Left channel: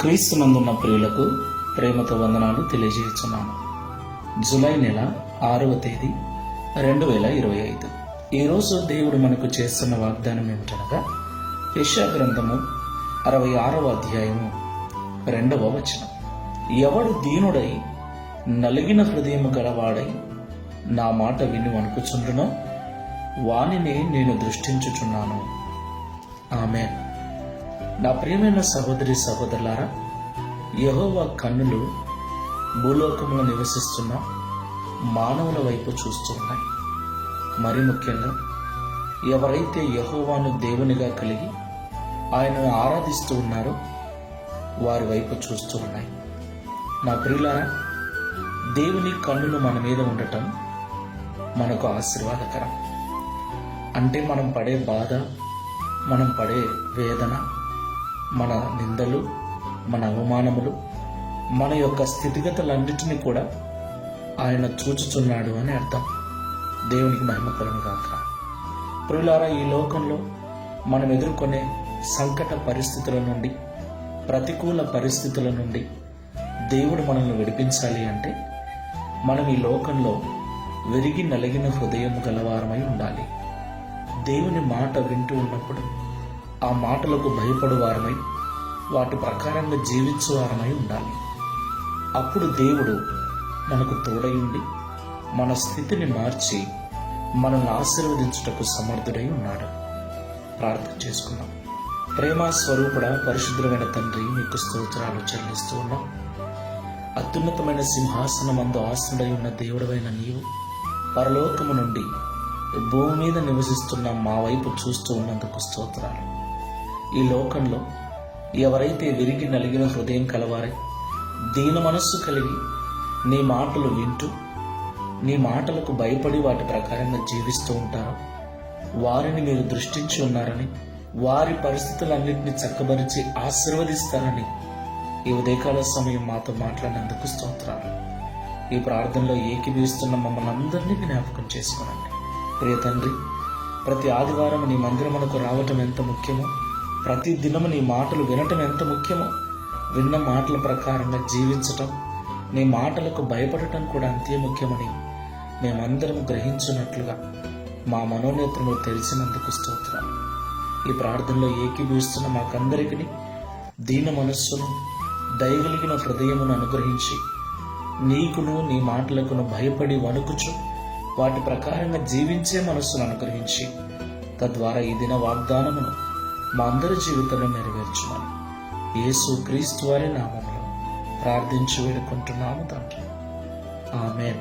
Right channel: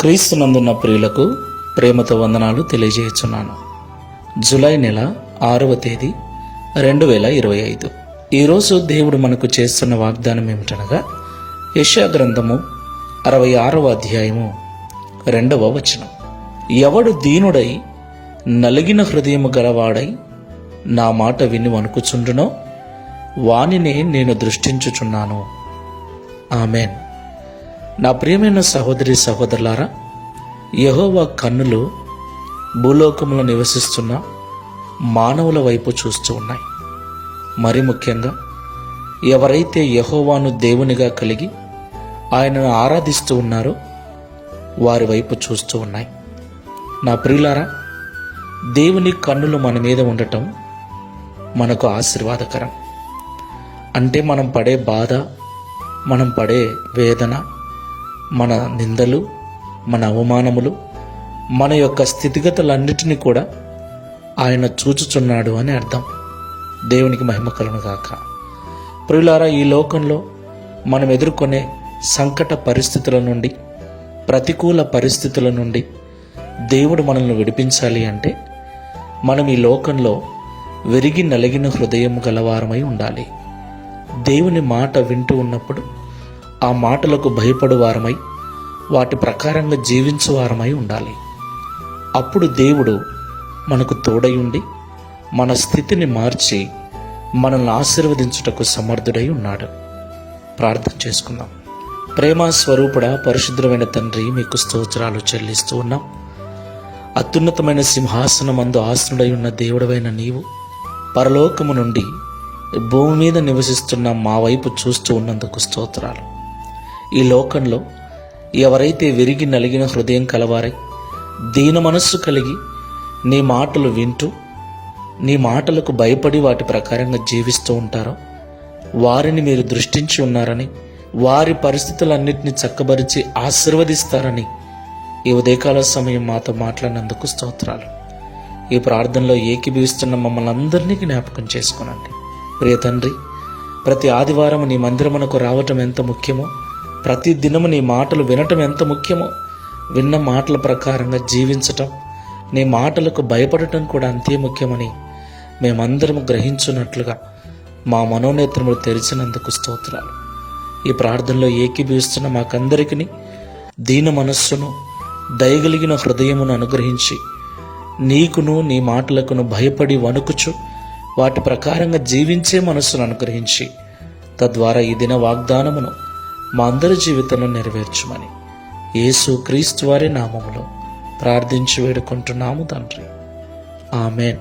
క్రీస్తునందున్న ప్రియులకు ప్రేమతో వందనాలు తెలియజేస్తున్నాను. జూలై నెల 6వ తేదీ 2025. ఈరోజు దేవుడు మనకు చేస్తున్న వాగ్దానం ఏమిటనగా యెషయా గ్రంథము 66వ అధ్యాయము 2వ వచనం. ఎవడు దీనుడై నలిగిన హృదయము గలవాడై నా మాట విని వణుకుచుండునో వానినే నేను దృష్టించుచున్నాను. ఆమెన్. నా ప్రియమైన సహోదరి సహోదరులారా, యెహోవా కన్నులు భూలోకంలో నివసిస్తున్న మానవుల వైపు చూస్తూ ఉన్నాయి. మరి ముఖ్యంగా ఎవరైతే యెహోవాను దేవునిగా కలిగి ఆయనను ఆరాధిస్తూ ఉన్నారో వారి వైపు చూస్తూ ఉన్నాయి. నా ప్రియులారా, దేవుని కన్నులు మన మీద ఉండటం మనకు ఆశీర్వాదకరం. అంటే మనం పడే బాధ, మనం పడే వేదన, మన నిందలు, మన అవమానములు, మన యొక్క స్థితిగతులన్నిటినీ కూడా ఆయన చూచుచున్నాడు అని అర్థం. దేవునికి మహిమ కలుగును గాక. ప్రియులారా, ఈ లోకంలో మనం ఎదుర్కొనే సంకట పరిస్థితుల నుండి, ప్రతికూల పరిస్థితుల నుండి దేవుడు మనల్ని విడిపించాలి అంటే మనం ఈ లోకంలో విరిగి నలిగిన హృదయం గలవారమై ఉండాలి. దేవుని మాట వింటూ ఉన్నప్పుడు ఆ మాటలకు భయపడు వారమై వాటి ప్రకారంగా జీవించు వారమై ఉండాలి. అప్పుడు దేవుడు మనకు తోడై ఉండి మన స్థితిని మార్చి మనల్ని ఆశీర్వదించుటకు సమర్థుడై ఉన్నాడు. ప్రార్థన చేసుకుందాం. ప్రేమ స్వరూపుడ, పరిశుద్ధమైన తండ్రి, మీకు స్తోత్రాలు చెల్లిస్తూ ఉన్నాం. అత్యున్నతమైన సింహాసనమందు ఆసనుడై ఉన్న దేవుడవైన నీవు పరలోకము నుండి భూమి మీద నివసిస్తున్న మా వైపు చూస్తూ ఉన్నందుకు స్తోత్రాలు. ఈ లోకంలో ఎవరైతే విరిగి నలిగిన హృదయం కలవారై దీన మనస్సు కలిగి నీ మాటలు వింటూ నీ మాటలకు భయపడి వాటి ప్రకారంగా జీవిస్తూ ఉంటారో వారిని మీరు దృష్టించి ఉన్నారని, వారి పరిస్థితులన్నింటినీ చక్కబరిచి ఆశీర్వదిస్తారని ఈ ఉదయకాల సమయం మాతో మాట్లాడినందుకు స్తోత్రాలు. ఈ ప్రార్థనలో ఏకీభవిస్తున్న మమ్మల్ని అందరినీ జ్ఞాపకం చేసుకోనండి. ప్రియ తండ్రి, ప్రతి ఆదివారం నీ మందిరమునకు రావటం ఎంత ముఖ్యమో, ప్రతి దినము నీ మాటలు వినటం ఎంత ముఖ్యమో, విన్న మాటల ప్రకారంగా జీవించటం, నీ మాటలకు భయపడటం కూడా అంతే ముఖ్యమని మేమందరం గ్రహించున్నట్లుగా మా మనోనేత్రములు తెరిచినందుకు స్తోత్రాలు. ఈ ప్రార్థనలో ఏకీభవిస్తున్న మాకందరికీ దీన మనస్సును, దయగలిగిన హృదయమును అనుగ్రహించి నీకును నీ మాటలకును భయపడి వణుకుచు వాటి ప్రకారంగా జీవించే మనస్సును అనుగ్రహించి తద్వారా ఈ దిన వాగ్దానమును మా అందరి జీవితంలో నెరవేర్చుమని యేసు క్రీస్తు వారి నామములో ప్రార్థించి వేడుకుంటున్నాము తండ్రి. Amen.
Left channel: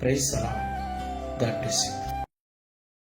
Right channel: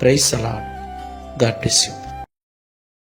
Praise the lord. God bless you.